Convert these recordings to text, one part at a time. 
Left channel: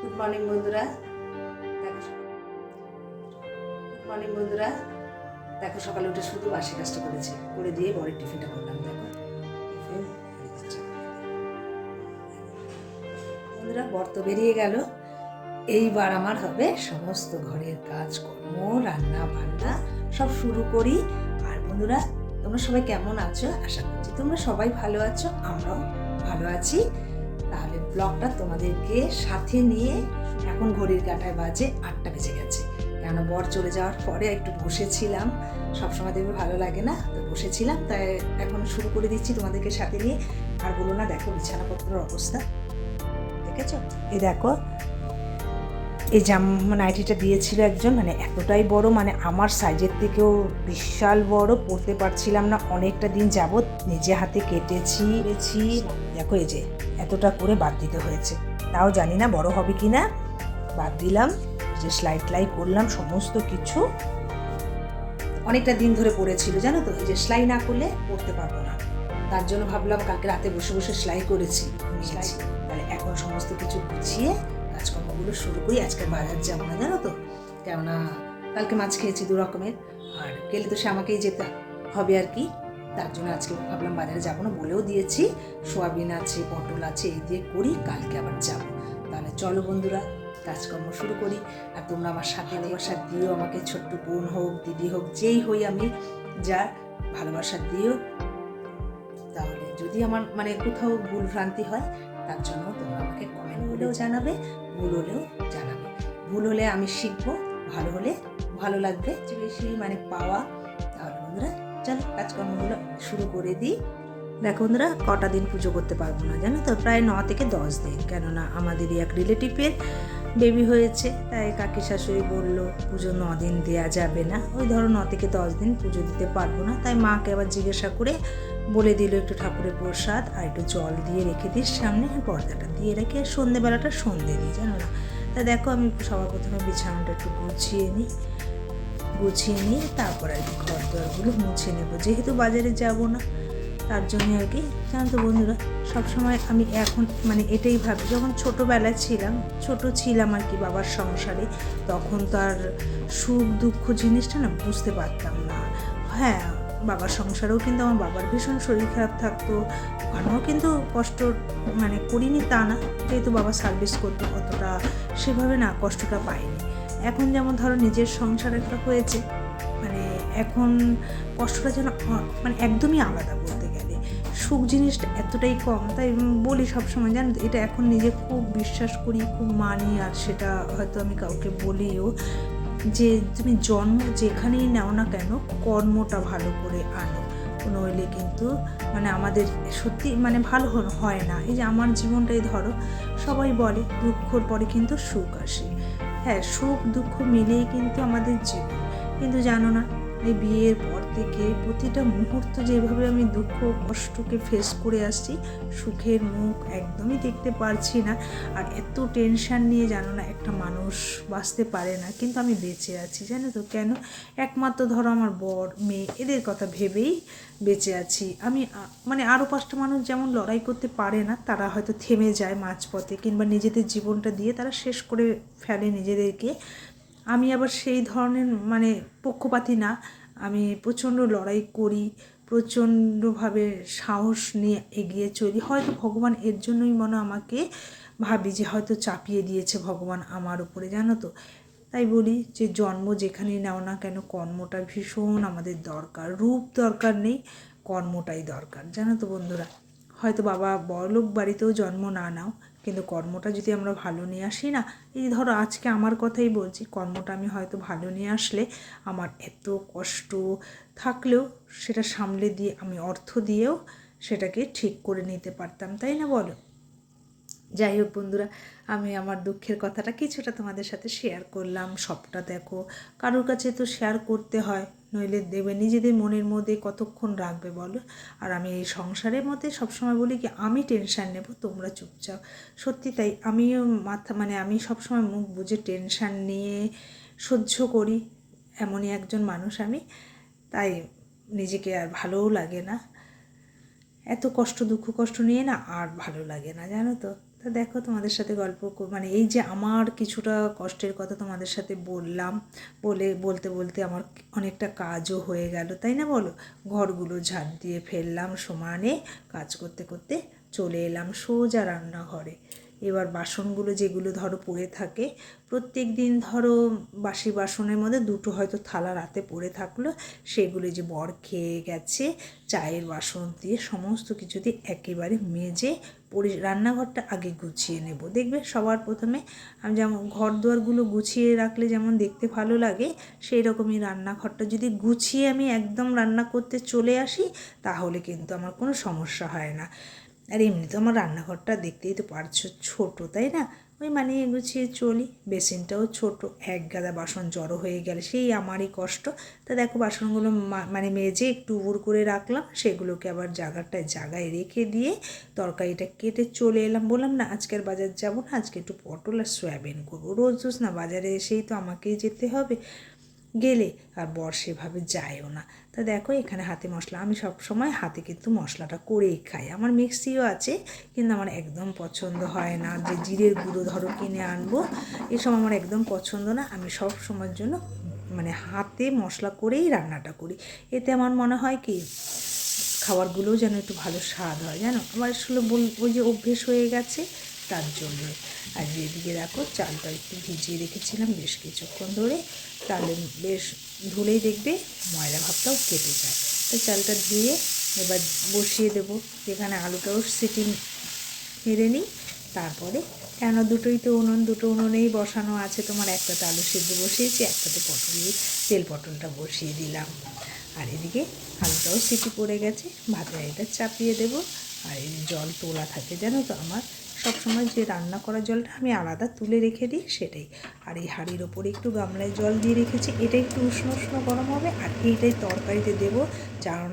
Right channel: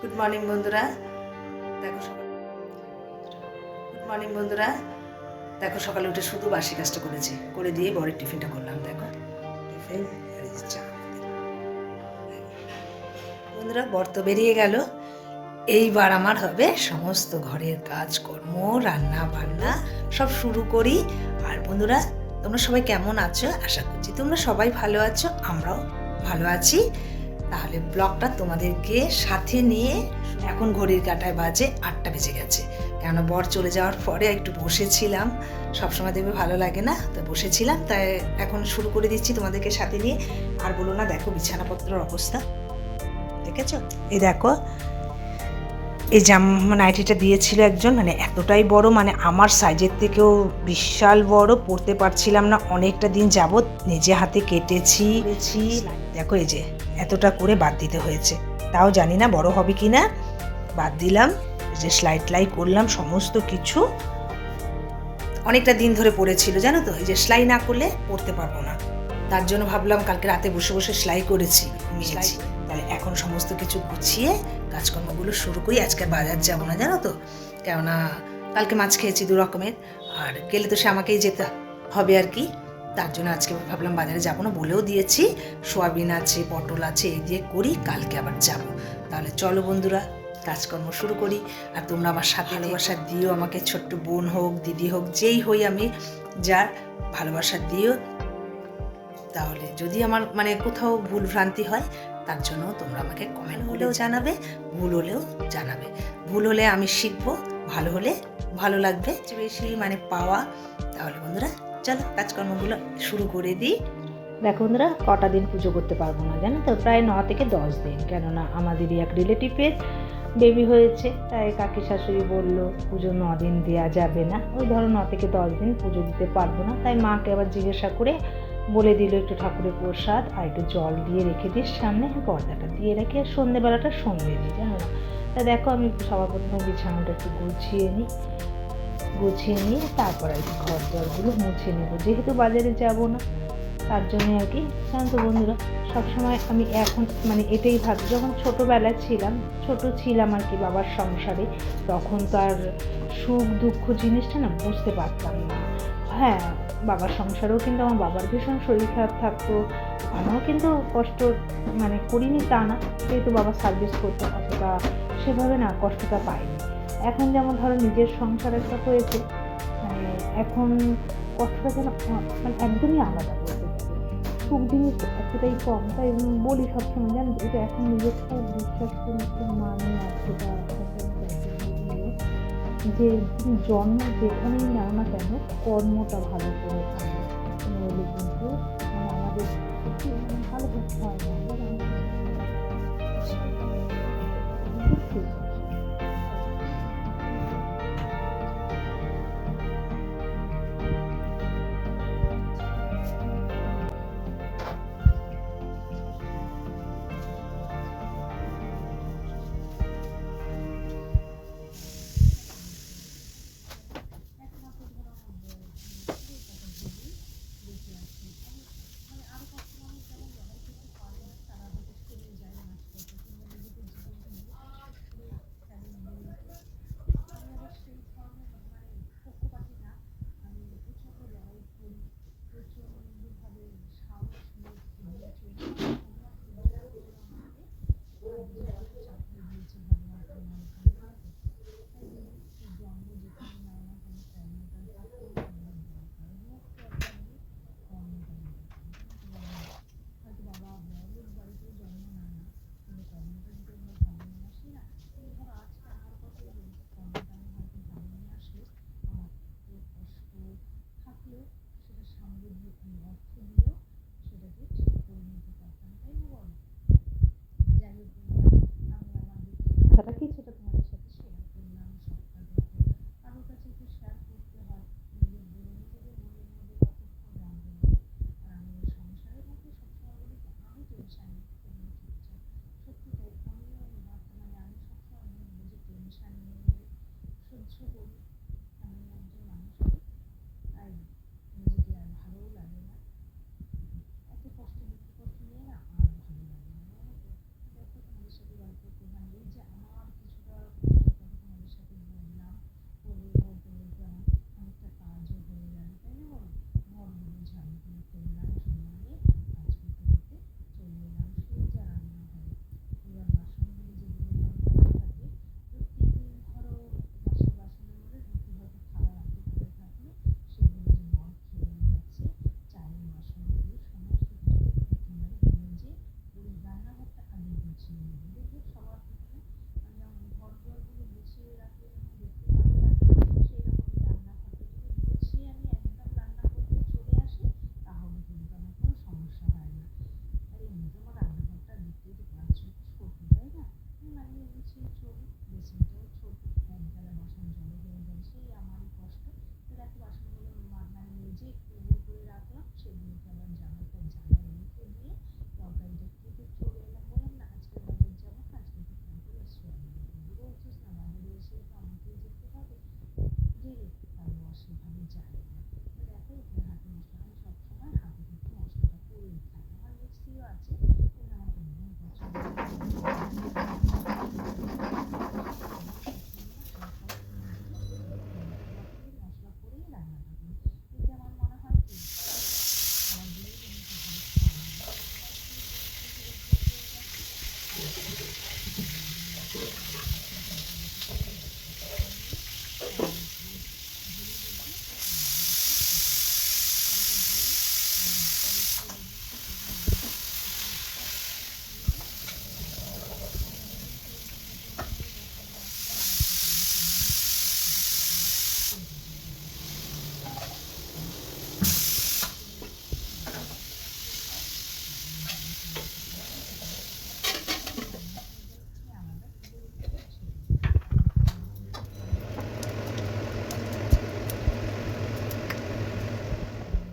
Good morning বন্ধুরা। দেখো সকাল গুড মর্নিং বন্ধুরা। দেখো সকালে উঠে শুধু বাসি কাজটা করেছি। করে দিয়ে বরের টিফিনটা করলাম, দেখো। বন্ধুরা, বর তো বেরিয়ে গেল। এইবার আমার হবে সমস্ত ঘরের কাজকর্ম, রান্না বান্না সব শুরু করি। আর বন্ধুরা, তোমরা সবাই কেমন আছো? আশা করছি তোমরা সবাই ভালো আছো, আমরাও ভালো আছি। তাহলে ব্লগটা তোমাদেরকে সাথে নিয়ে এখন ঘড়ির কাঁটায় বাজে আটটা বেজে গেছে। কেননা বর চলে যাওয়ার পরে একটু বসেছিলাম। সবসময় দেখবে ভালো লাগে না তো বসেছিলাম। তাই এখন শুরু করে দিচ্ছি তোমাদেরকে সাথে নিয়ে। আর বলো না দেখো বিছানাপত্রের অবস্থা। দেখেছ? এই দেখো এই জামা নাইটিটা দিয়েছিল একজন মানে এতটাই বড় মানে আমার সাইজের থেকেও বিশাল বড় পড়তে পারছিলাম না। অনেকটা দিন যাবৎ নিজে হাতে কেটেছি। দেখো এই যে এতটা করে বাদ দিতে হয়েছে। তাও জানি না বড় হবে কি না। বাদ দিলাম যে স্লাইড লাই করলাম সমস্ত কিছু। অনেকটা দিন ধরে পড়েছিল জানো তো? এই যে সেলাই না করলে পড়তে পারব না। তার জন্য ভাবলাম কালকে রাতে বসে বসে সেলাই করেছি সেলাই তাহলে এখন সমস্ত কিছু গুছিয়ে কাজকর্মগুলো শুরু করি। আজকে বাজার যাব না জানো তো? কেননা কালকে মাছ খেয়েছি দু রকমের। আর গেলে তো সে আমাকেই যেতে হবে আর কি। তার জন্য আজকে ভাবলাম বাজারে যাব না বলেও দিয়েছি। সোয়াবিন আছে পটল আছে এই দিয়ে করি কালকে আবার যাব। তাহলে চলো বন্ধুরা কাজকর্ম শুরু করি। আর তোমরা আমার সাথে ভালোবাসা দিও আমাকে ছোট্ট বোন হোক দিদি হোক যেই হই আমি যার ভালোবাসা দিও। তাহলে যদি আমার মানে কোথাও ভুল ভ্রান্তি হয় তার জন্য তোমরা আমাকে কমেন্ট হলেও জানাবে ভুল হলেও জানাবে। ভুল হলে আমি শিখব ভালো হলে ভালো লাগবে বেশি মানে পাওয়া। তাহলে বন্ধুরা চলো কাজকর্মগুলো শুরু করে দিই। দেখো বন্ধুরা, কটা দিন পুজো করতে পারব না, জানো তো? প্রায় ন থেকে দশ দিন, কেননা আমাদেরই এক রিলেটিভের বেবি হয়েছে, তাই কাকি শাশুড়ি বলল, পুজো ন দিন দেওয়া যাবে না। ওই ধরো ন থেকে দশ দিন পুজো দিতে পারব না, তাই মাকে আবার জিজ্ঞাসা করে বলে দিল একটু ঠাকুরের প্রসাদ আর একটু জল দিয়ে রেখে দিস, সামনে পর্দাটা দিয়ে রেখে আর সন্ধেবেলাটা সন্ধে দিই, জানো না? তা দেখো আমি সবার প্রথমে বিছানাটা একটু গুছিয়ে নিই। গুছিয়ে নিয়ে তারপর আর কি ঘর দরগুলো মুছে নেব। যেহেতু বাজারে যাব না, তার জন্য আর কি, জানো তো বন্ধুরা, সবসময় আমি এখন মানে এটাই ভাবি, যখন ছোটোবেলায় ছিলাম, ছোট ছিলাম আর কি বাবার সংসারে, তখন তো আর সুখ দুঃখ জিনিসটা না বুঝতে পারতাম না। হ্যাঁ বাবার সংসারেও কিন্তু আমার বাবার ভীষণ শরীর খারাপ থাকতো ওখানেও কিন্তু কষ্ট মানে করিনি তা না, যেহেতু বাবা সার্ভিস করতো, অতটা সেভাবে না কষ্টটা পাইনি এখন যেমন ধরো নিজের সংসার একটা হয়েছে মানে এখন কষ্টটা যেন মানে একদমই আলাদা বলতে গেলে। সুখ জিনিসটা এতটাই কম, তাই বলি সবসময়, জানো এটা এখন নিজে খুব বিশ্বাস করি, খুব মানি, আর সেটা হয়তো আমি কাউকে বলিও যে, তুমি জন্ম যেখানেই নাও না কেন, কর্মটা ভালো করে আনো। নইলে কিন্তু মানে আমাদের সত্যি মানে ভালো হয় না। এই যে আমার জীবনটাই ধরো, সবাই বলে, দুঃখর পরে কিন্তু সুখ আসে। হ্যাঁ সুখ, দুঃখ মিলেই কিন্তু আমাদের জীবন। কিন্তু জানো না, এই বিয়ের পর থেকে প্রতিটা মুহূর্ত যেভাবে আমি দুঃখ, কষ্টকে ফেস করে আসছি, সুখের মুখ একদমই দেখতে পারছি না। আর এত টেনশান নিয়ে জানো না একটা মানুষ বাঁচতে পারে না, কিন্তু আমি বেঁচে আছি, জানো তো? কেন? একমাত্র ধরো আমার বর, মেয়ে, এদের কথা ভেবেই বেঁচে আছি। আমি মানে আরও পাঁচটা মানুষ যেমন লড়াই করতে পারে না, তারা হয়তো থেমে যায় মাঝপথে, কিংবা নিজেদের জীবনটা দিয়ে তারা শেষ করে ফেলে নিজেদেরকে। আমি আবার সেই ধরনের মানে পক্ষপাতি না। আমি প্রচণ্ড লড়াই করি প্রচণ্ডভাবে সাহস নিয়ে এগিয়ে চলি। হয়তো ভগবান এর জন্যই মনে আমাকে ভাবি যে হয়তো চাপিয়ে দিয়েছে ভগবান আমার উপরে, জানো তো? তাই বলি যে জন্ম যেখানেই নাও না কেন, কর্মটা ভীষণ আমাদের দরকার। রূপ দরকার নেই, কর্মটাই দরকার, জানো তো বন্ধুরা? হয়তো বাবা বড়লোক বাড়িতেও জন্ম না নাও, কিন্তু কর্মটা যদি আমরা ভালো নিয়ে আসি না, এই ধরো আজকে আমার কথাই বলছি, কর্মটা আমি হয়তো ভালো নিয়ে আসলে আমার এত কষ্ট থাকলেও সেটা সামলে দিয়ে আমি অর্থ দিয়েও সেটাকে ঠিক করে নিতে পারতাম, তাই না বলো? যাই হোক বন্ধুরা, আমি আমার দুঃখের কথাটা কিছুটা তোমাদের সাথে শেয়ার করলাম, সবটা দেখো। কারোর কাছে তো শেয়ার করতে হয়, নইলে দেবে নিজেদের মনের মধ্যে কতক্ষণ রাখবে বলো? আর আমি এই সংসারের মধ্যে সবসময় বলি কি, আমি টেনশান নেব, তোমরা চুপচাপ। সত্যি তাই, আমিও মাথা মানে আমি সবসময় মুখ বুঝে টেনশান নিয়ে সহ্য করি, এমনই একজন মানুষ আমি। তাই নিজেকে আর ভালোও লাগে না। এত কষ্ট, দুঃখ, কষ্ট নিয়ে না আর ভালো লাগে না, জানো তো? তা দেখো তোমাদের সাথে গল্প মানে এই যে আমার কিছুটা কষ্টের কথা তোমাদের সাথে বললাম, বলে, বলতে বলতে আমার অনেকটা কাজও হয়ে গেল, তাই না বলো? ঘরগুলো ঝাড় দিয়ে ফেললাম, সমানে কাজ করতে করতে চলে এলাম সোজা রান্নাঘরে। এবার বাসনগুলো যেগুলো ধরো পড়ে থাকে, প্রত্যেক দিন ধরো বাসি বাসনের মধ্যে দুটো হয়তো থালা রাতে পড়ে থাকল, সেগুলো যে বর খেয়ে গেছে, চায়ের বাসন দিয়ে সমস্ত কিছু দিয়ে একেবারে মেজে পরি রান্নাঘরটা আগে গুছিয়ে নেব। দেখবে সবার প্রথমে আমি যেমন ঘর দুয়ারগুলো গুছিয়ে রাখলে যেমন দেখতে ভালো লাগে সেই রকমই রান্নাঘরটা যদি গুছিয়ে আমি একদম রান্না করতে চলে আসি, তাহলে কিন্তু আমার কোনো সমস্যা হয় না। আর এমনি তো আমার রান্নাঘরটা দেখতেই তো পারছ ছোটো, তাই না? ওই মানিয়ে গুছিয়ে চলি। বেসিনটাও ছোট, এক গাদা বাসন জড়ো হয়ে গেলে, সেই আমারই কষ্ট। তা দেখো বাসনগুলো মানে মেজে একটু উবুর করে রাখলাম, সেগুলোকে আবার জায়গাটায় জায়গায় রেখে দিয়ে তরকারিটা কেটে চলে এলাম। বললাম, না আজকের বাজার যাব না, আজকে একটু পটল আর সয়াবিন করব। রোজ রোজ না বাজারে এসেই তো আমাকেই যেতে হবে। গেলে আর বর সেভাবে যায়ও না। তা দেখো এখানে হাতে মশলা। আমি সব সময় হাতে কিন্তু মশলাটা করেই খাই। আমার মিক্সিও আছে, কিন্তু আমার একদম পছন্দ হয় না। যে জিরের গুঁড়ো ধরো কিনে আনব এসব আমার একদম পছন্দ না। আমি সব সময়ের জন্য মানে হাতে মশলা করেই রান্নাটা করি। এতে আমার মনে হয় কি, খাবারগুলোও যেন একটু ভালো স্বাদ হয়, জানো? আমার আসলে ওই যে অভ্যেস হয়ে গেছে তার জন্য। আর এদিকে দেখো চালটা একটু ভিজিয়ে রেখেছিলাম বেশ কিছুক্ষণ ধরে। তাহলে বেশ ধুলেই দেখবে ময়লা ভাবটাও কেটে যায়। তো চালটা ধুয়ে এবার বসিয়ে দেবো। যেখানে আলুটাও সিটি মেরে নিই। তারপরে কেন দুটোই তো উনুন, দুটো উনুনেই বসানো আছে। তোমার একটাতে আলু সেদ্ধ বসিয়েছি একটাতে পটল তেল পটলটা বসিয়ে দিলাম। আর এদিকে আলুটাও সিটি পড়ে গেছে। ভাতটা এটা চাপিয়ে দেবো। আর জল তোলা থাকে জানো তো আমার। সবসময় যে রান্না করা জলটা আমি আলাদা তুলে রেখে দিই সেটাই। আর এই হাঁড়ির ওপর একটু গামলায় জল দিয়ে রেখেছি এটা একটু উষ্ণ উষ্ণ গরম হবে আর এইটাই তরকারিতে দেবো কারণ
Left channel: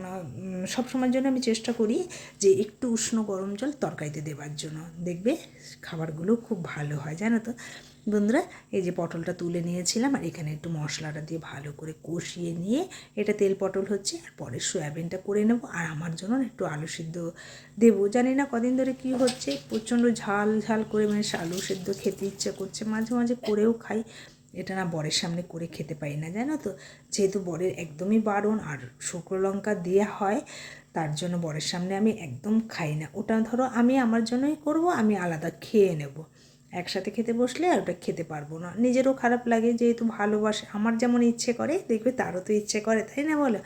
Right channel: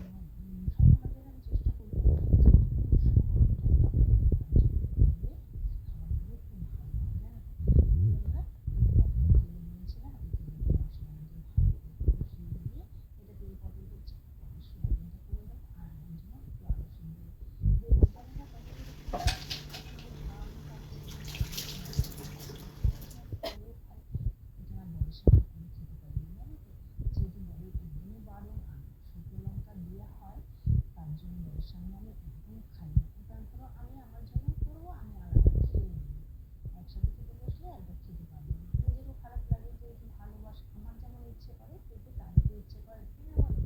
সবসময়ের জন্য আমি চেষ্টা করি যে একটু উষ্ণ গরম জল তরকারিতে দেবার জন্য। দেখবে খাবারগুলো খুব ভালো হয়, জানো তো? বন্ধুরা, এই যে পটলটা তুলে নিয়েছিলাম আর এখানে একটু মশলাটা দিয়ে ভালো করে কষিয়ে নিয়ে এটা তেল পটল হচ্ছে আর পরে সয়াবিনটা করে নেব আর আমার জন্য একটু আলু সিদ্ধ দেবো। জানি না কদিন ধরে কি হচ্ছে, প্রচণ্ড ঝাল ঝাল করে মানে আলু সিদ্ধ খেতে ইচ্ছে করছে, মাঝে মাঝে করেও খাই। এটা না বরের সামনে করে খেতে পারি না, জানো তো? যেহেতু বরের একদমই বারণ আর শুকনো লঙ্কা দেওয়া হয়, তার জন্য বরের সামনে আমি একদম খাই না। ওটা ধরো আমি আমার জন্যই করব, আমি আলাদা খেয়ে নেব। একসাথে খেতে বসলে আর ওটা খেতে পারব না। নিজেরও খারাপ লাগে যেহেতু ভালোবাসে। আমার যেমন ইচ্ছে করে, দেখবে তারও তো ইচ্ছে করে, তাই না বলো?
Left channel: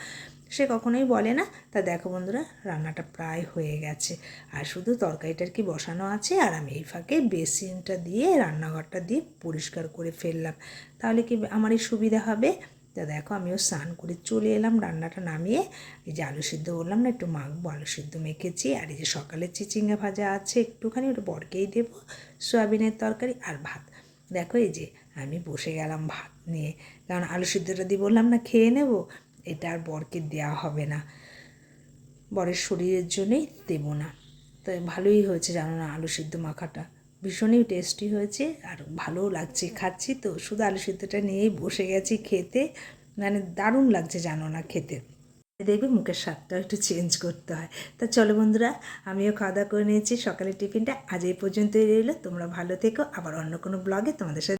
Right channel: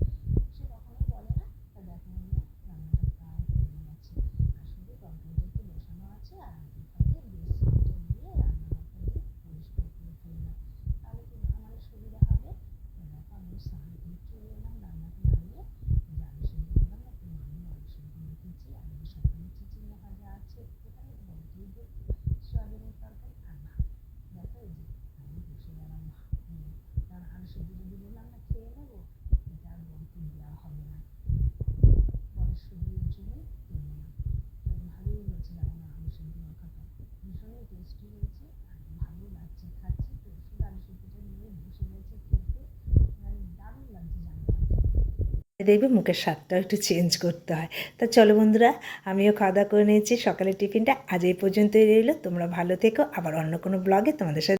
সে কখনোই বলে না। তা দেখো বন্ধুরা, রান্নাটা প্রায় হয়ে গেছে। আর শুধু তরকারিটার কি বসানো আছে? আর আমি এই ফাঁকে বেসিনটা দিয়ে, রান্নাঘরটা দিয়ে পরিষ্কার করে ফেললাম। তাহলে কি আমারই সুবিধা হবে? তা দেখো আমিও স্নান করে চলে এলাম, রান্নাটা নামিয়ে এই যে আলু সিদ্ধ বললাম না, একটু মাখবো, আলু সিদ্ধ মেখেছি, আর এই যে সকালে চিচিঙ্গা ভাজা আছে একটুখানি, ওটা বরকেই দেবো, সয়াবিনের তরকারি আর ভাত। দেখো এই যে আমি বসে গেলাম ভাত নিয়ে, কারণ আলু সিদ্ধটা দিয়ে বললাম না খেয়ে নেব, এটা আর বরকে দেওয়া হবে না, বরের শরীরের জন্যই দেবো না। তো ভালোই হয়েছে জানো না আলু সিদ্ধ মাখাটা। ভীষণই টেস্টি হয়েছে আর ভালোও লাগছে। খাচ্ছি তো, শুধু আলু সিদ্ধটা নিয়েই বসে গেছি খেতে। মানে দারুণ লাগছে জানো না খেতে। দেখবে মুখের স্বাদটা একটু চেঞ্জ করতে হয়। তা চলো বন্ধুরা, আমিও খাওয়া দাওয়া করে নিয়েছি। সকালের টিফিনটা আজ এই পর্যন্তই রইল। তোমরা ভালো থেকো। আবার অন্য কোনো ব্লগে তোমাদের সাথে